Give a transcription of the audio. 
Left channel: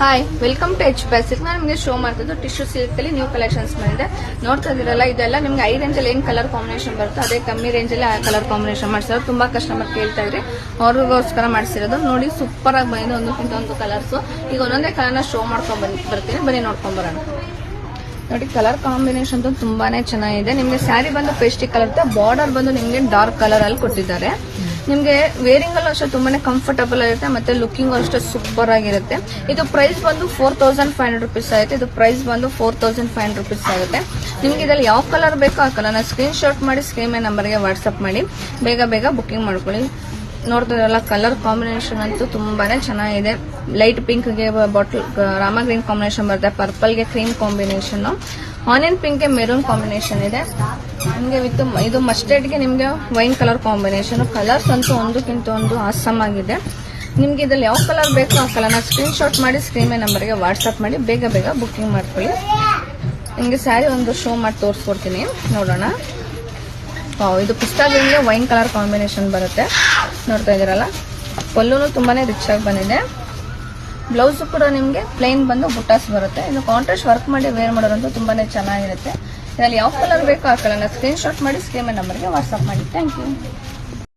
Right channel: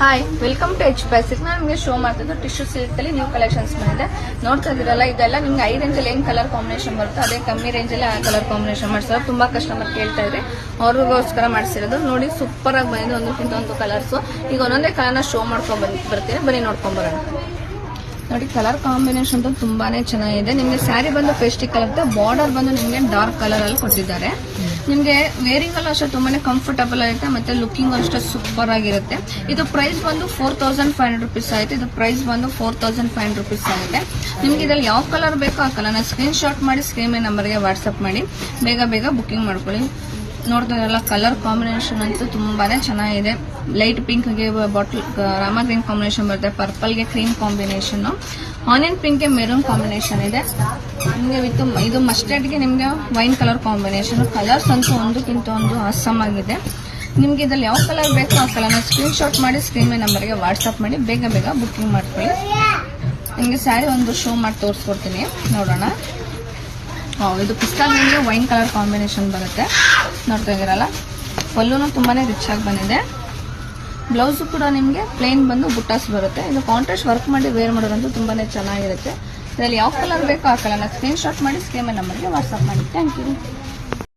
Hi, welcome to H basic. ನಾನು ನಿಮಗೆ show ಮಾಡ್ತಿದ್ದು ಟಿಶ್ಯೂ ಸಿಲ್ಕ್ ಅಲ್ಲಿ ನ್ಯೂ ಕಲೆಕ್ಷನ್ಸ್ ಬಂದಿದೆ. ನೋಡ್ತಾ ಇದ್ದೀರಲ್ಲ, ಇದೆಲ್ಲ ನಿಮ್ಗೆ ಹೈ ರೇಂಜ್ ಅಲ್ಲಿ ಏನ್ ಕಲರ್ ಕಾಂಬಿನೇಷನ್ ಬರುತ್ತೆ ಅದೇ ಕಮ್ಮಿ ರೇಂಜ್ ಅಲ್ಲಿ ಆ ಕಲರ್ ಕಾಂಬಿನೇಷನ್ ಮಾಡ್ಸಿರೋದು. ತುಂಬಾ ಕಸ್ಟಮರ್ ಕೇಳ್ತಾ ಇದ್ರಿ, ಅವ್ರಿಗೋಸ್ಕರ ಮಾಡ್ಸಿರೋದು. ನೋಡಿ, ಸೂಪರ್ ಆಗಿ ಬಂದಿದೆ, ಒಂದಕ್ಕಿಂತ ಒಂದು ಕಲರ್ಸ್. ಈಗ ಒಂದೊಂದೇ ಕಲರ್ನ ಶೋ ಮಾಡ್ಕೊಂಡ್ ಬರ್ತೀನಿ, ಬರೀ ನೋಡ್ಕೊಂಡ್ ಬರೋಣ. ನೋಡಿ, ಕಲರ್ ಕಾಂಬಿನೇಷನ್ ತುಂಬಾನೇ ಚೆನ್ನಾಗಿದೆ. ನಿಮ್ಗೆ ಸ್ಯಾರಿ ಬಂದು ಪೇಸ್ಟಿಕ್ ಕಲರ್ ಇರುತ್ತೆ, ಬಾರ್ಡರ್ ಬಂದು ನಿಮ್ಗೆ ಡಾರ್ಕ್ ಕಲರ್ ಅಲ್ಲಿ ಕೊಟ್ಟಿದ್ದಾರೆ. ನಿಮ್ಗೆ ವೇರಿಂಗ್ ಅಲ್ಲೂ ಅಷ್ಟೇ ತುಂಬಾನೇ ಕಂಫರ್ಟಬಲ್ ಆಗಿರುತ್ತೆ, ಮತ್ತೆ ಲುಕಿಂಗ್ ಅಷ್ಟೇ ಸೂಪರ್ ಆಗಿರುತ್ತೆ. ಇದು ಪ್ರೈಸ್ ಬಂದು 4500 rupees ಆಗುತ್ತೆ. ಇದು ಪ್ರೈಸ್ ಬಂದು 4500 rupees ಆಗುತ್ತೆ. ನಿಮ್ಗೆ ಇದ್ರಲ್ಲಿ ಯಾವ ಕಲರ್ ಬೇಕೋ ಆ ಕಲರ್ನ ಸ್ಕ್ರೀನ್ ಶಾಟ್ ಮಾಡಿ ಸ್ಕ್ರೀನ್ ನಂಬರ್ಗೆ ವಾಟ್ಸ್ಆಪ್ ಮಾಡಿ ಬೇಗ ಬೇಗ ಬುಕಿಂಗ್ ಮಾಡ್ಕೊಳ್ಳಿ. ನೋಡ್ತಿರಲ್ಲ, ಕಲರ್ ಕಾಂಬಿನೇಷನ್ ಅಂತೂ ತುಂಬಾನೇ ಚೆನ್ನಾಗಿದೆ. ಲೈಟ್ ಪಿಂಕ್ ಗೆ ಬಾಟಲ್ ರಾಮ ಗ್ರೀನ್ ಕಾಂಬಿನೇಷನ್ ಬರುತ್ತೆ, ಪರ್ಪಲ್ ಗೆ ಕ್ರೀಮ್ ಕಾಂಬಿನೇಷನ್, ಆನಿಯನ್ ಪಿಂಕ್ ಗೆ ಮೆರೂನ್ ಕಾಂಬಿನೇಷನ್ ಇದೆ. ನಿಮ್ಗೆ ವಿತ್ ಇದು ಮಸ್ಟರ್ಡ್ ಗೆ ನಿಮ್ಗೆ ವೈನ್ ಕಲರ್ ಕಾಂಬಿನೇಷನ್. ಕಲರ್ಸ್ ಅಂತೂ ಒಂದಕ್ಕಿಂತ ಒಂದು ಆಸಮ್ ಆಗಿದೆ. ನಿಮ್ಗೆ ಇದ್ರಲ್ಲಿ ಯಾವ ಕಲರ್ ಬೇಕೋ ಆ ಕಲರ್ನ ಸ್ಕ್ರೀನ್ ಶಾಟ್ ಮಾಡಿ ಸ್ಕ್ರೀನ್ ನಂಬರ್ಗೆ ವಾಟ್ಸ್ಆಪ್ ಮಾಡಿ ಬೇಗ ಬೇಗ ಬುಕಿಂಗ್ ಮಾಡ್ಕೊಳ್ಳಿ. ನಿಮ್ಗೆ ಸ್ಯಾರಿ ಒಂದು ಶೋ ಮಾಡಿ ತೋರಿಸ್ಕೊಡ್ತೀನಿ, ನೋಡೋಣ. ಇದು ಪಿಸ್ತಾ ಗ್ರೀನ್ಗೆ ವೈನ್ ಕಲರ್ ಕಾಂಬಿನೇಷನ್ ಬರುತ್ತೆ. ನೋಡ್ತಾ ಇದೀರಲ್ಲ, ಪಲ್ಲುನು ತುಂಬಾನೇ ರಿಚ್ ಆಗಿ ಬಂದಿದೆ. ಬ್ಲೌಸ್ ಕೂಡ ನಿಮ್ಗೆ ಪ್ಲೇನ್ ಬಂದು ಬುಟ್ಟಾಸ್ ಬರುತ್ತೆ. ಇದು ಕಾಂಟ್ರಾಸ್ಟ್ ವರ್ಕ್ ಮಾಡಿ ವೇರ್ ಮಾಡೋದಂತೂ ತುಂಬಾನೇ ಚೆನ್ನಾಗಿರುತ್ತೆ. ಇದರಲ್ಲಿ ಯಾವ ಕಲರ್ ಬೇಕೋ ಆ ಕಲರ್ನ ಸ್ಕ್ರೀನ್ ಶಾಟ್ ಮಾಡಿ ಸ್ಕ್ರೀನ್ ನಂಬರ್ಗೆ ವಾಟ್ಸ್ಆಪ್ ಮಾಡಿ. Thank you.